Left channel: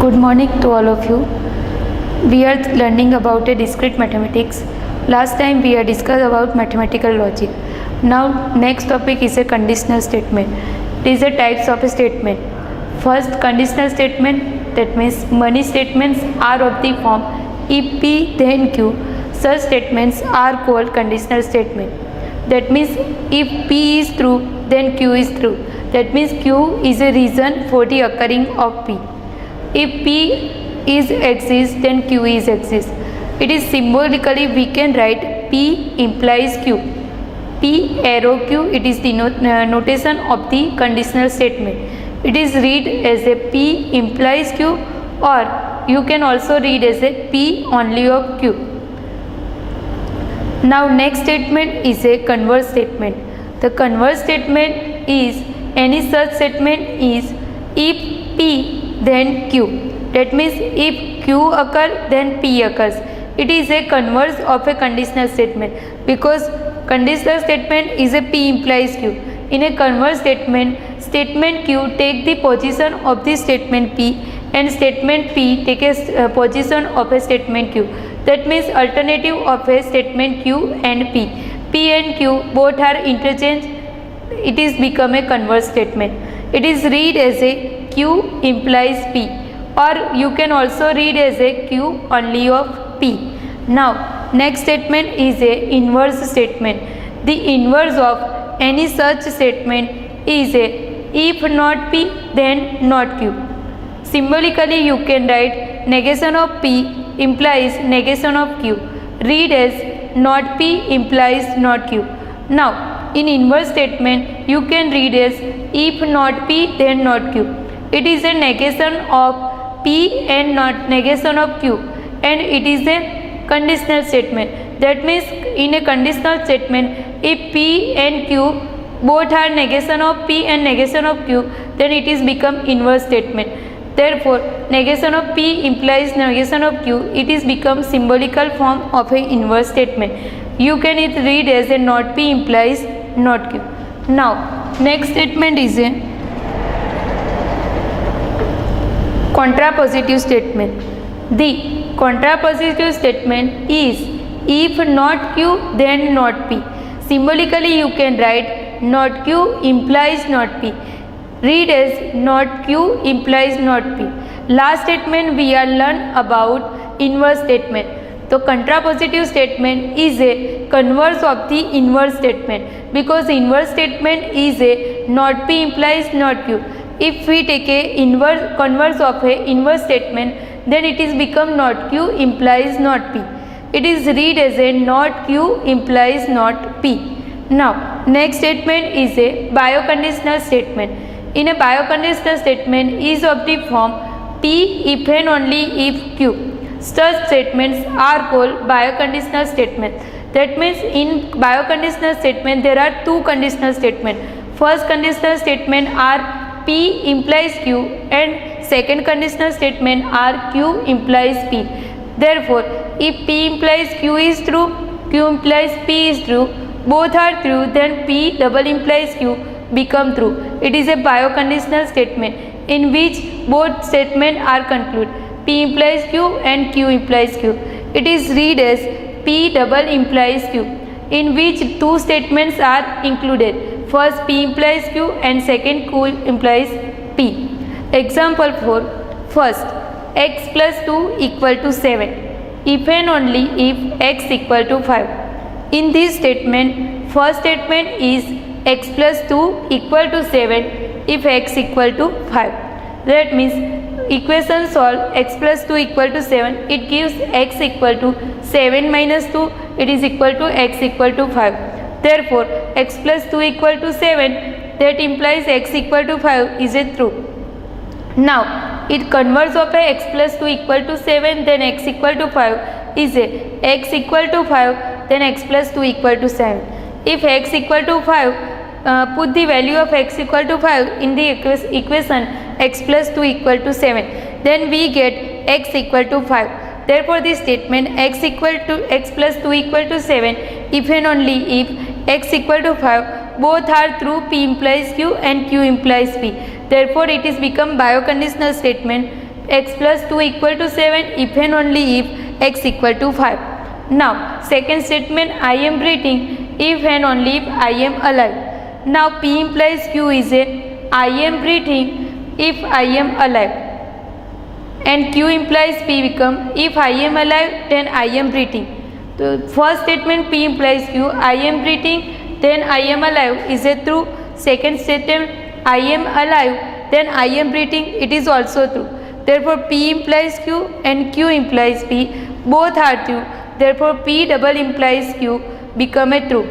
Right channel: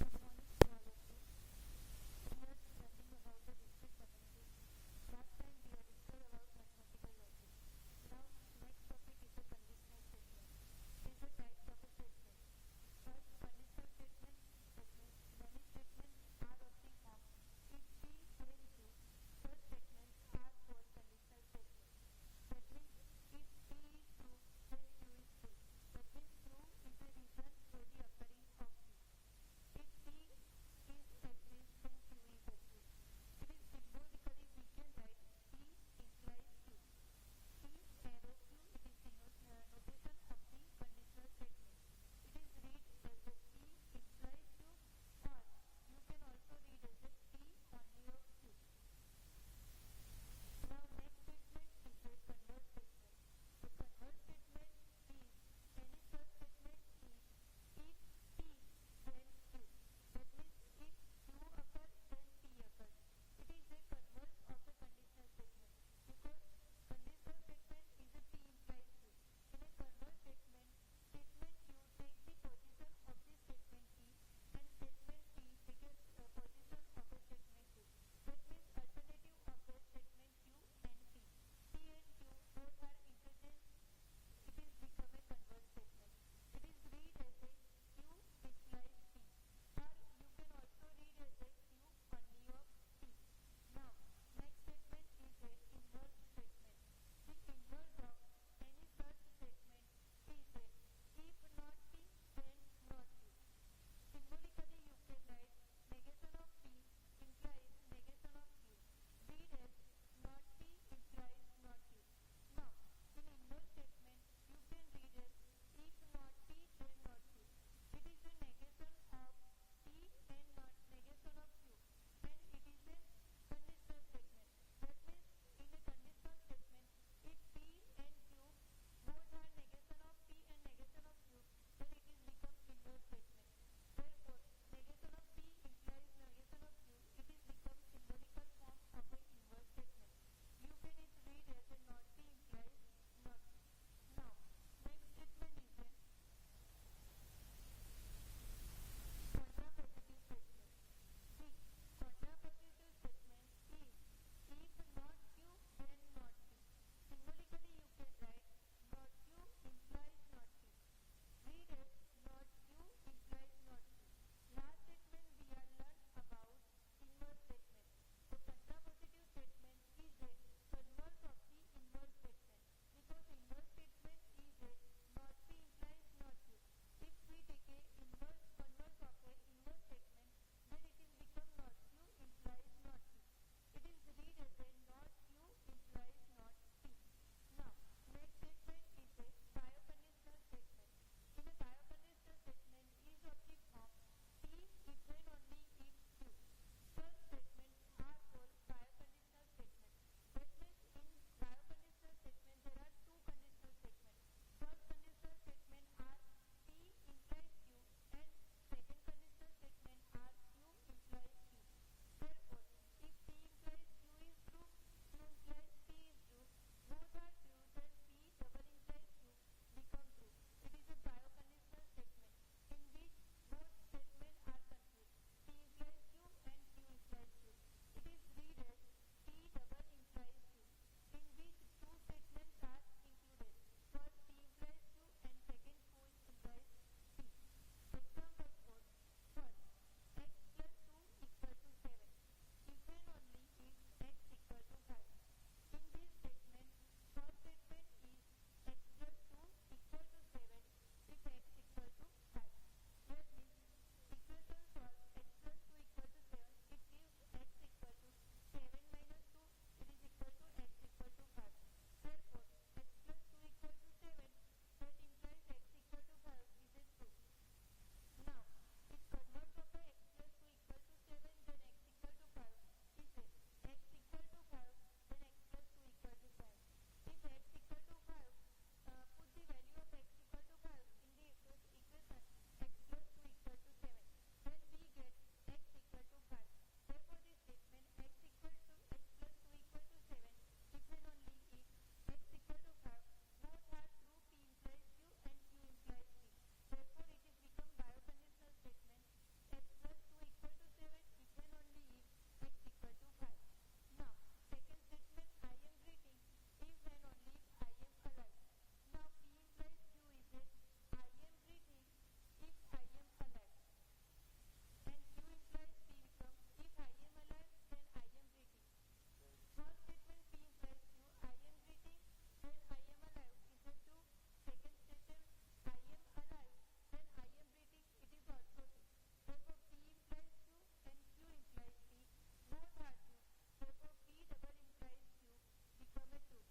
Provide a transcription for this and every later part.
Good morning to all of you. We are learning about a discrete mathematics. Last time we had discussed about mathematical logic. Now next topic is a conditional statement. It is a types of a statement. First, conditional statement, that means many statements are of the form if P then Q. Such statements are called conditional statement. That means if P is true then Q is true. That means Q is a reason for the occurring of P. If P is exists then Q is exists. It is symbolically we can write P implies Q. P arrow Q, it is the notation of the conditional statement. It is read as a P implies Q, or you can also read as a P only of Q. Now next statement is a converse statement. The converse statement is any such statement is if P then Q. That means if Q occurs then P occurs. It is a converse of a conditional statement because conditional statement is a P implies Q. In a converse statement, statement Q take the position of the statement P and statement P take a position of a statement Q. That means alternative of a statement Q and P. P and Q both are interchanged. It is become a converse statement. It is read as a Q implies P, or you can also read as a Q only of P. Now next statement is a inverse statement. The inverse of any such statement is a if not P then not Q. Symbolically you can write negation of P implies negation of Q. Read as not P implies not Q. Now in inverse statement you can read as if not P then not Q. It is a negation of P and not negation of Q, and it is a conditional statement. That means in a conditional statement if P and Q both are negation of P and negation of Q, then it is become inverse statement. Therefore negation of P implies negation of Q. It is become symbolical form of a inverse statement. You can read as a not P implies not Q. Now next statement is a contrapositive statement. The contrapositive statement is if not Q then not P. Symbolically you can write not Q implies not P. Read as not Q implies not P. Last statement we are learn about inverse statement. So contrapositive statement is a converse of the inverse statement because inverse statement is a not P implies not Q. If we take a converse of a inverse statement, then it is become not Q implies not P. It is read as a not Q implies not P. Now next statement is a bioconditional statement. In a bioconditional statement is of the form P if and only if Q. Such statements are called bioconditional statements. That means in bioconditional statement there are two conditional statements. First conditional statement are P implies Q and second conditional statement are Q implies P. Therefore, if P implies Q is true, Q implies P is true, both are true, then P double implies Q become true. It is a bioconditional statement in which both statements are concluded. P implies Q and Q implies Q. It is read as P double implies Q, in which two statements are included. First P implies Q and second Q implies P. Example 4. First, x plus 2 equal to 7 if and only if x equal to 5. In this statement, first statement is x plus 2 equal to 7 if x equal to 5. That means equation solve x plus 2 equal to 7, it gives x equal to 7 minus 2, it is equal to x equal to 5. Therefore, x plus 2 equal to 7, that implies x equal to 5 is a true. Now, it converts of a x plus 2 equal to 7 then x equal to 5 is a x equal to 5 then x plus 2 equal to 7. If x equal to 5, put the value of x equal to 5 in the equation x plus 2 equal to 7. Then we get x equal to 5. Therefore, this statement x plus 2 equal to 7 if and only if x equal to 5 both are true, P implies Q and Q implies P. Therefore, it is become bioconditional statement x plus 2 equal to 7 if and only if x equal to 5. Now second statement, I am breathing if and only if I am alive. Now P implies Q is a I am breathing if I am alive, and Q implies P become if I am alive then I am breathing. So first statement P implies Q, I am breathing then I am alive is a true. Second statement I am alive then I am breathing, it is also true. Therefore P implies Q and Q implies P, both are true. Therefore P double implies Q become a true.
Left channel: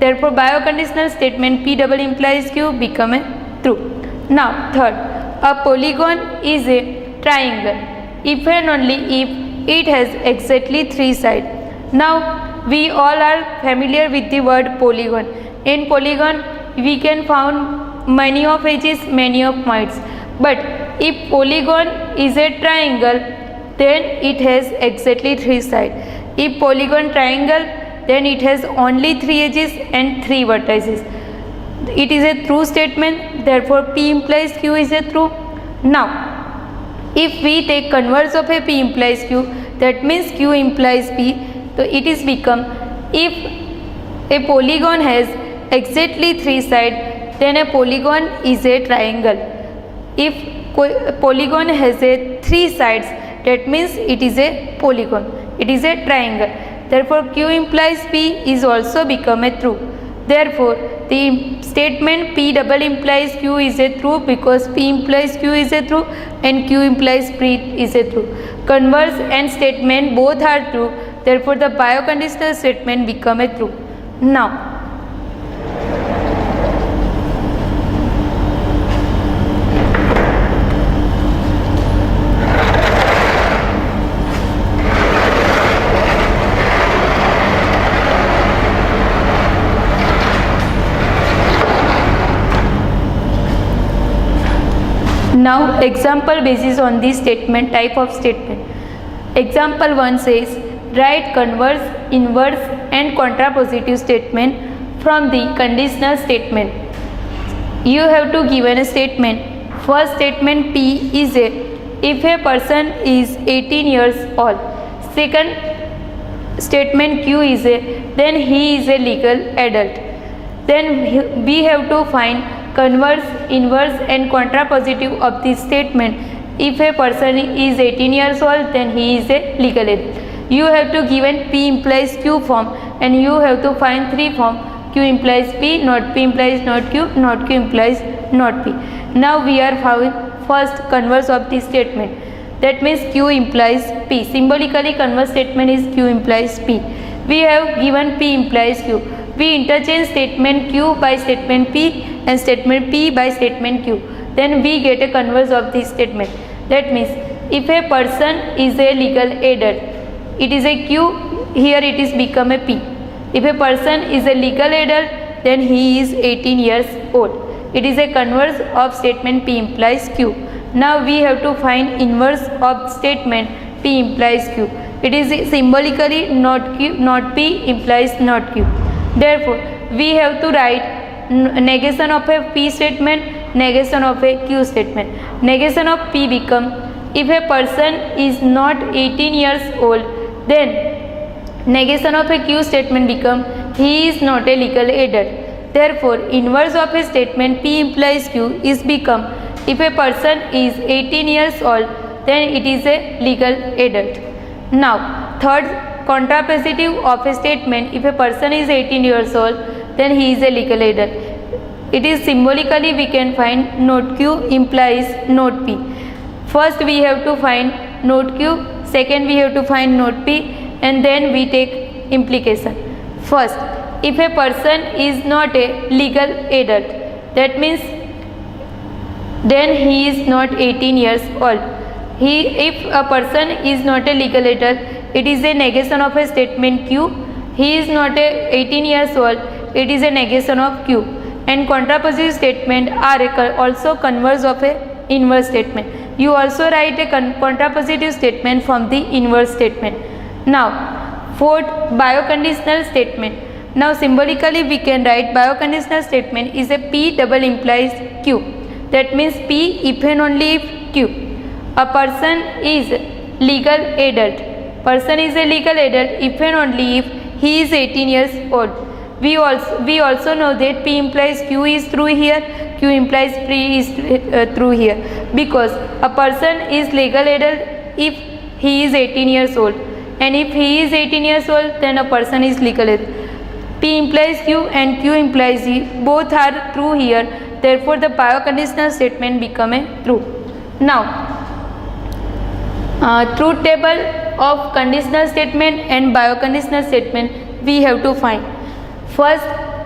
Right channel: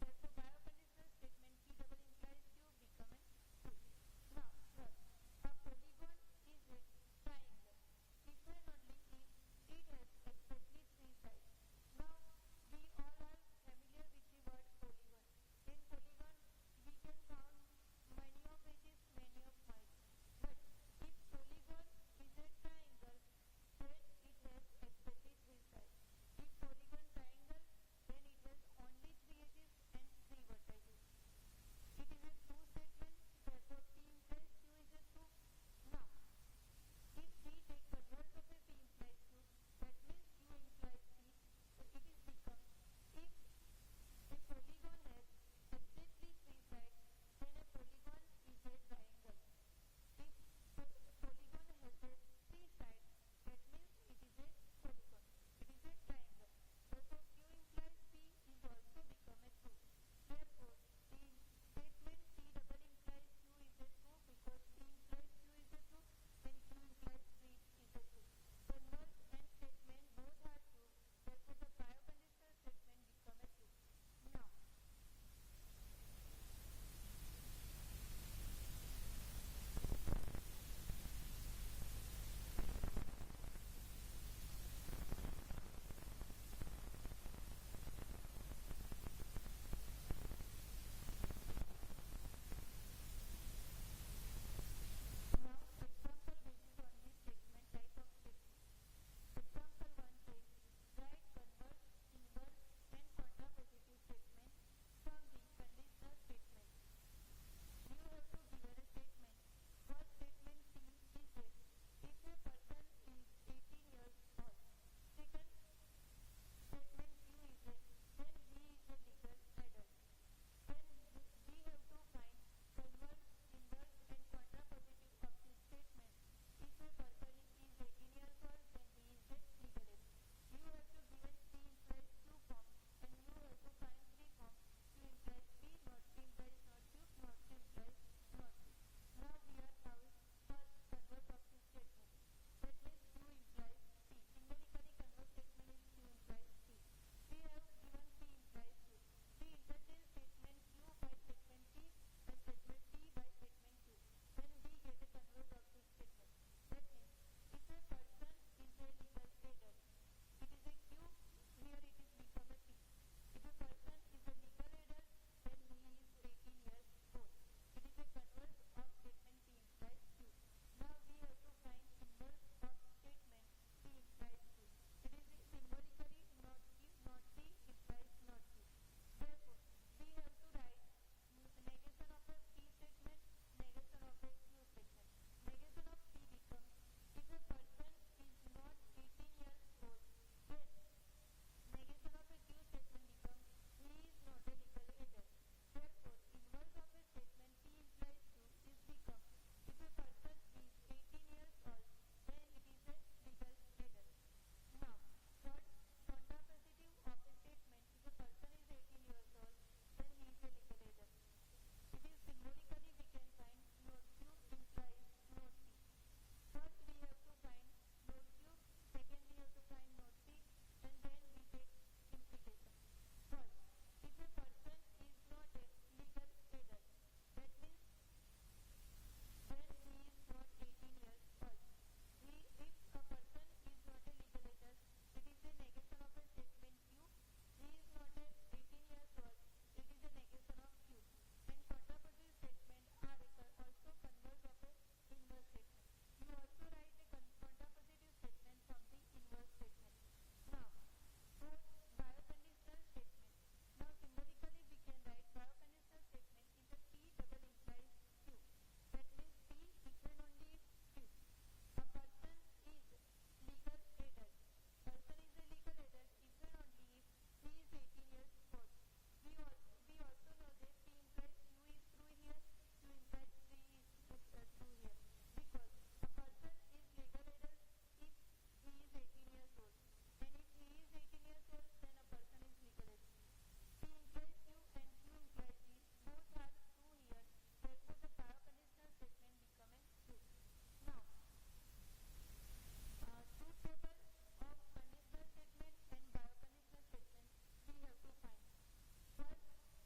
Therefore bioconditional statement P double implies Q become a true. Now third, a polygon is a triangle if and only if it has exactly 3 sides. Now we all are familiar with the word polygon. In polygon we can found many of edges, many of points. But if polygon is a triangle, then it has exactly 3 sides. If polygon triangle, then it has only 3 edges and 3 vertices. It is a true statement. Therefore P implies Q is a true. Now if we take converse of a P implies Q, that means Q implies P. So it is become, if a polygon has exactly 3 sides, then a polygon is a triangle. If polygon has a 3 sides, that means it is a polygon, it is a triangle. Therefore Q implies P is also become a true. Therefore the statement P double implies Q is a true because P implies Q is a true and Q implies P is a true. Converse and statement both are true. Therefore the bioconditional statement become a true. Now example basis on this statement, type of statement. Example 1 says, write converse, inverse and contrapositive statement from the conditional statement. You have to given a statement. First statement P is a if a person is 18 years old. Second statement Q is a then he is a legal adult. Then we have to find converse, inverse and contrapositive of this statement. If a person is 18 years old, then he is a legal adult. You have to given P implies Q form and you have to find 3 form. Q implies P, not P implies not Q, not Q implies not P. Now we are found first converse of this statement. That means Q implies P. Symbolically converse statement is Q implies P. We have given P implies Q. We interchange statement Q by statement P and statement P by statement Q. Then we get a converse of this statement. That means if a person is a legal adult, it is a Q, here it is become a P. If a person is a legal adult, then he is 18 years old. It is a converse of statement P implies Q. Now we have to find inverse of statement P implies Q. It is symbolically not Q, not P implies not Q. Therefore we have to write negation of a P statement, negation of a Q statement. Negation of P become if a person is not 18 years old, then negation of a Q statement become he is not a legal adult. Therefore inverse of a statement P implies Q is become if a person is 18 years old, then it is a legal adult. Now third, contrapositive of a statement, if a person is 18 years old, then he is a legal adult. It is symbolically we can find note Q implies note P. First we have to find note Q, second we have to find note P, and then we take implication. First, if a person is not a legal adult, that means then he is not 18 years old. If a person is not a legal adult, it is a negation of a statement Q. He is not a 18 years old, it is a negation of Q. And contrapositive statement are also converse of a inverse statement. You also write a contrapositive statement from the inverse statement. Now fourth, bioconditional statement. Now symbolically we can write bioconditional statement is a P double implies Q. That means P if and only if Q. A person is legal adult. Person is a legal adult if and only if he is 18 years old. We also know that P implies Q is true here, Q implies P is true here, because a person is legal adult if he is 18 years old, and if he is 18 years old, then a person is legal adult. P implies Q and Q implies E, both are true here, therefore the bioconditional statement become a true. Now, truth table of conditional statement and bioconditional statement we have to find. First,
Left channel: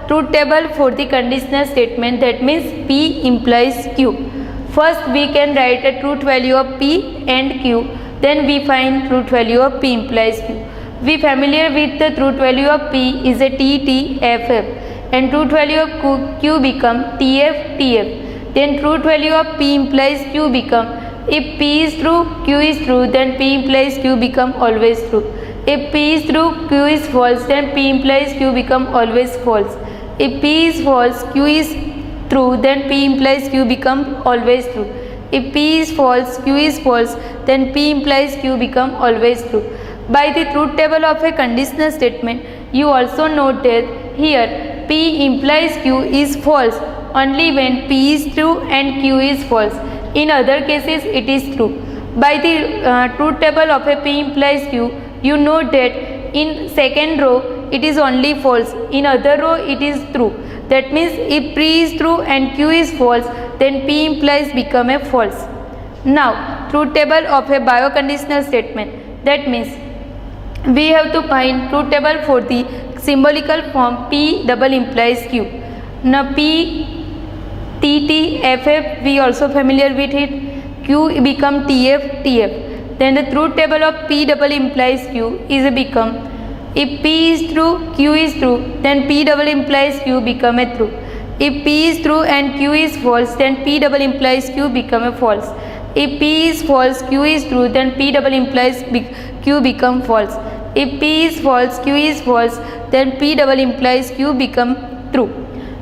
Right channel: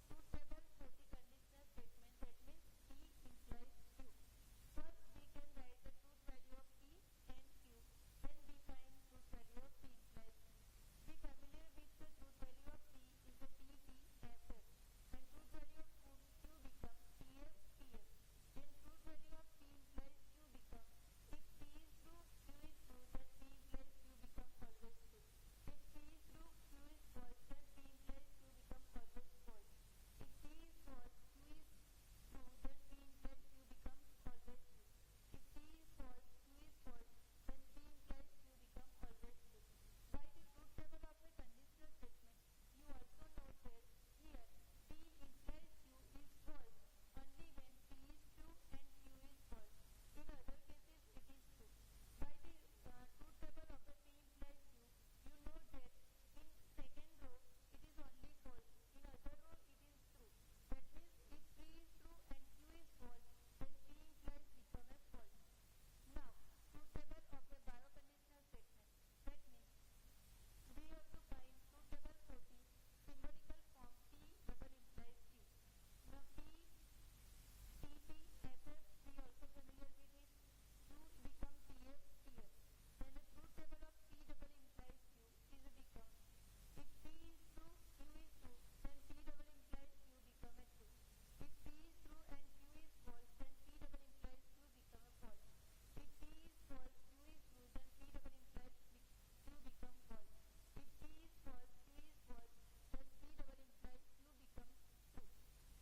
truth table for the conditional statement, that means P implies Q. First we can write a truth value of P and Q, then we find truth value of P implies Q. We familiar with the truth value of P is a T, T, F, F, and truth value of Q become T, F, T, F. Then truth value of P implies Q become, if P is true, Q is true, then P implies Q become always true. If P is true, Q is false, then P implies Q become always false. If P is false, Q is true, then P implies Q become always true. If P is false, Q is false, then P implies Q become always true. By the truth table of a conditional statement, you also note that here P implies Q is false only when P is true and Q is false. In other cases, it is true. By the truth table of a P implies Q, you note that in second row it is only false, in other row it is true. That means if P is true and Q is false, then P implies become a false. Now, truth table of a bioconditional statement, that means we have to find truth table for the symbolical form P double implies Q. Now P, T, T, F, F, we also familiar with it. Q become T, F, T, F. Then the truth table of P double implies Q is become, if P is true, Q is true, then P double implies Q become a true. If P is true and Q is false, then P double implies Q become a false. If P is false, Q is true, then P double implies Q become false. If P is false, Q is false, then P double implies Q become true.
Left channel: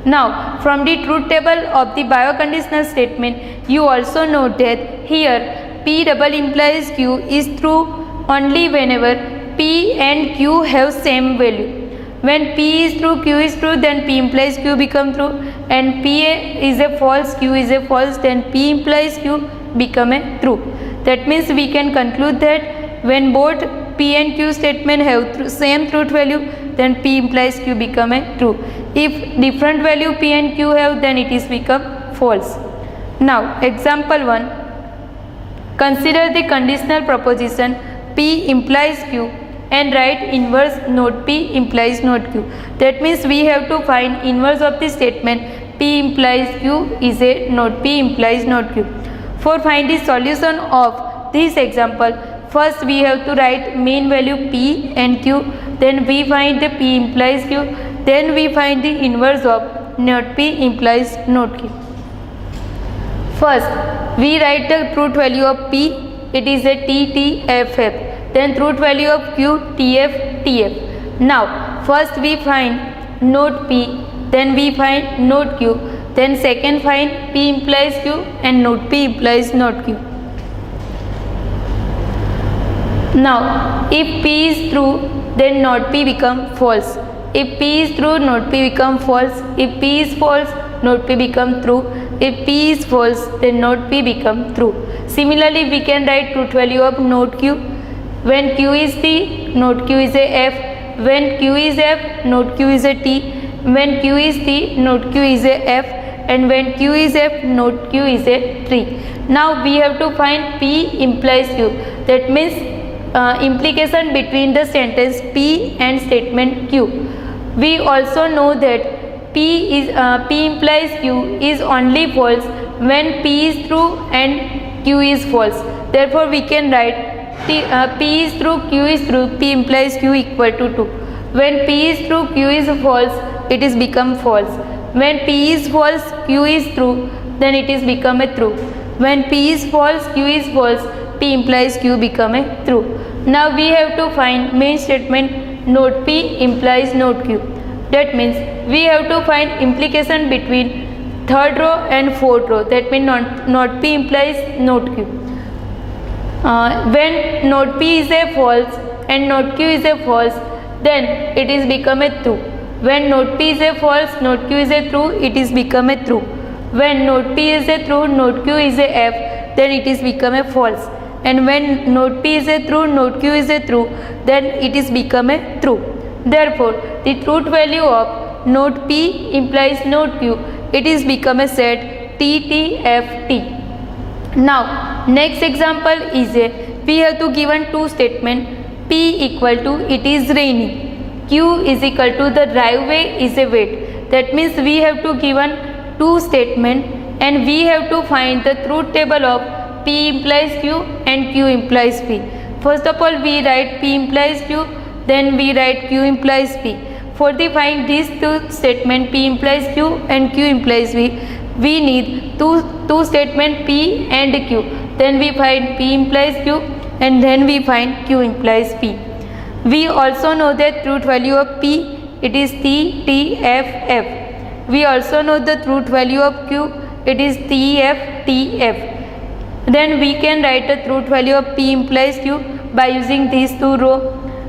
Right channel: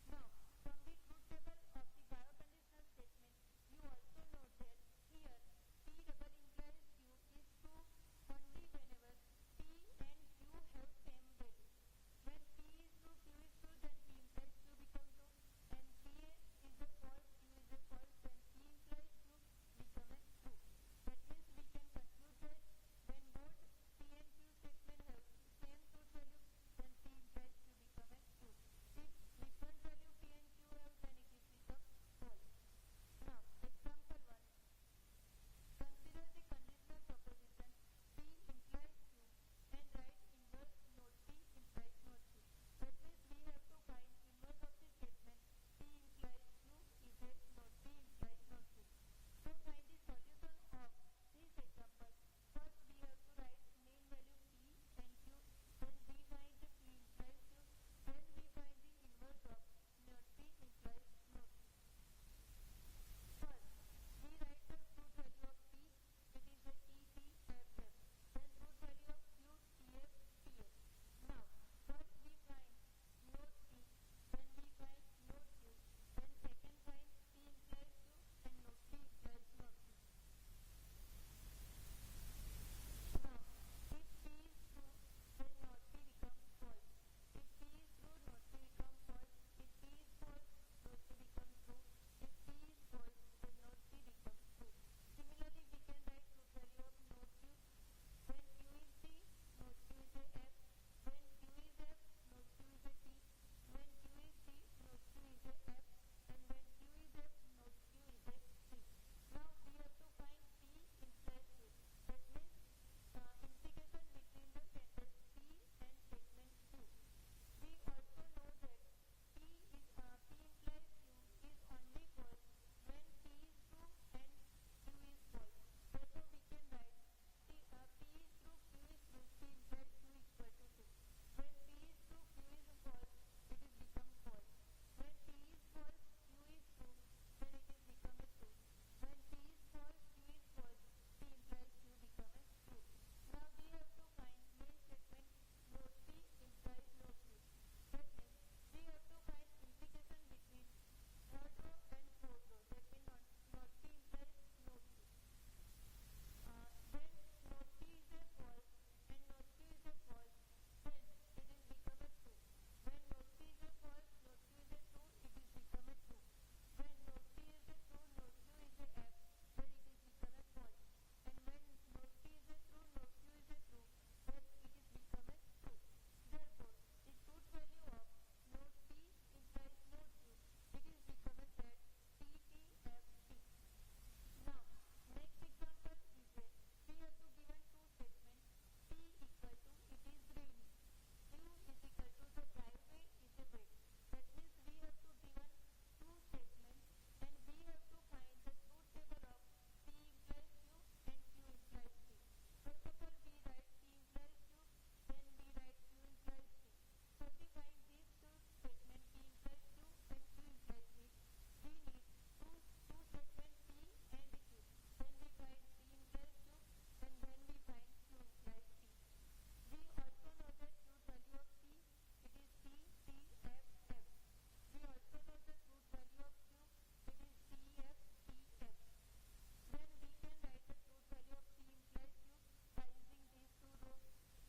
Now, from the truth table of the bioconditional statement, you also note that here P double implies Q is true only whenever P and Q have same value. When P is true, Q is true, then P implies Q become true, and P is a false, Q is a false, then P implies Q become a true. That means we can conclude that when both P and Q statement have same truth value, then P implies Q become a true. If different value P and Q have, then it is become false. Now, example 1. Consider the conditional proposition P implies Q and write inverse not P implies not Q. That means we have to find inverse of the statement P implies Q is a not P implies not Q. For find the solution of this example, first we have to write mean value P and Q, then we find the P implies Q, then we find the inverse of not P implies not Q. First, we write the truth value of P, it is a T, T, F, F. Then truth value of Q, T, F, T, F. Now, first we find not P, then we find not Q, then second find P implies Q and not P implies not Q. Now, if P is true, then not P become false. If P is true, not P become false. If P is false, not P become true. If P is false, then not P become true. Similarly, we can write truth value of not Q. When Q is T, not Q is a F. When Q is F, not Q is a T. When Q is T, not Q is a F. And when Q is F, not Q is a tree. Now we have to find P implies Q. That means implication between the sentence P and statement Q. We also know that P implies Q is only false when P is true and Q is false. Therefore, we can write P is true, Q is true, P implies Q equal to 2. When P is true, Q is false, it is become false. When P is false, Q is true, then it is become a true. When P is false, Q is false, P implies Q become a true. Now we have to find main statement not P implies not Q. That means we have to find implication between third row and fourth row. That means not P implies not Q. When not P is a false and not Q is a false, then it is become a true. When not P is a false, not Q is a true, it is become a true. When not P is a true, not Q is a F, then it is become a false. And when not P is a true, not Q is a true, then it is become a true. Therefore, the truth value of not P implies not Q. It is become a set TTFT. Now, next example is we have to given two statement. P equal to it is raining. Q is equal to the driveway is a wet. That means we have to given two statement and we have to find the truth table of P implies Q and Q implies P. First of all, we write P implies Q, then we write Q implies P. For the find these two statement P implies Q and Q implies P, we need two statement P and Q. Then we find P implies Q and then we find Q implies P. We also know that truth value of P, it is TTFF. We also know the truth value of Q, it is TFTF. Then we can write the truth value of P implies Q by using these two rows.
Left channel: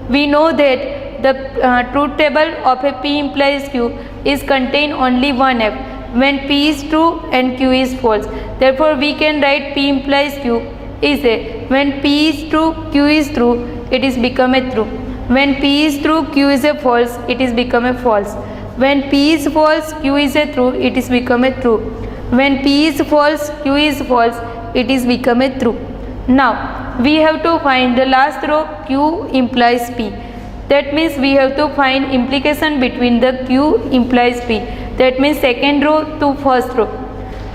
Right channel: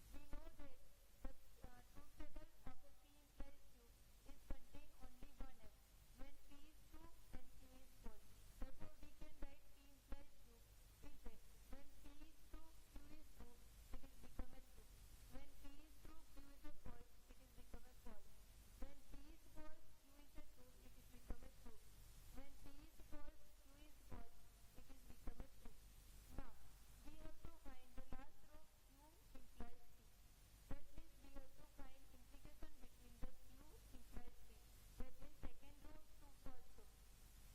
We know that the truth table of a P implies Q is contain only one F when P is true and Q is false. Therefore, we can write P implies Q is a when P is true, Q is true, it is become a true. When P is true, Q is a false, it is become a false. When P is false, Q is a true, it is become a true. When P is false, Q is false, it is become a true. Now, we have to find the last row Q implies P. That means we have to find implication between the Q implies P. That means second row to first row.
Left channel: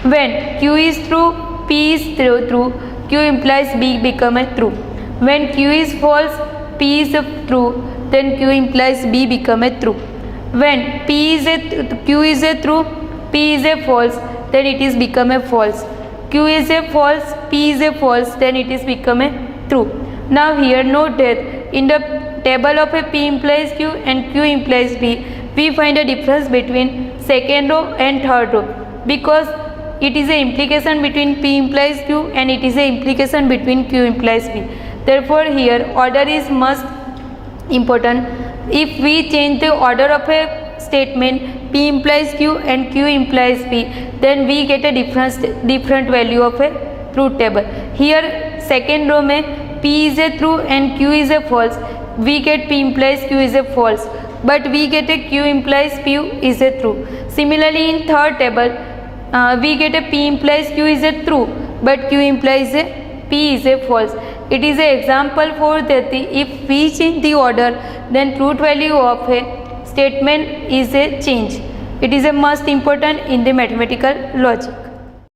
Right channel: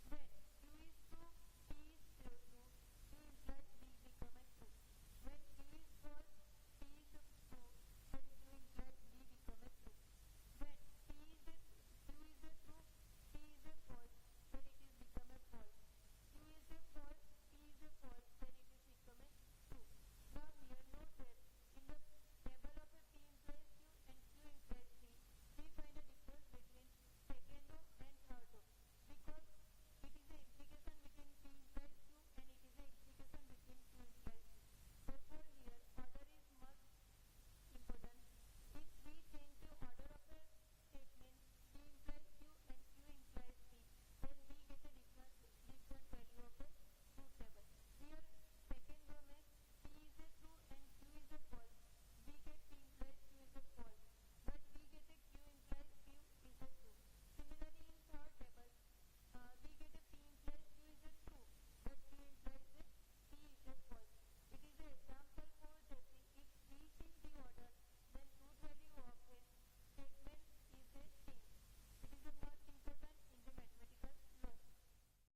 When Q is true, P is true, Q implies B become a true. When Q is false, P is true, then Q implies B become a true. When Q is a true, P is a false, then it is become a false. Q is a false, P is a false, then it is become a true. Now here note that in the table of a P implies Q and Q implies P, we find a difference between second row and third row because it is a implication between P implies Q and it is a implication between Q implies P. Therefore here order is most important. If we change the order of a statement P implies Q and Q implies P, then we get a different value of a truth table. Here second row mein P is a true and Q is a false, we get P implies Q is a false, but we get a Q implies P is a true. Similarly in third table we get a P implies Q is a true, but Q implies a P is a false. It is an example for that if we change the order, then truth value of a statement is a change. It is a most important in the mathematical logic.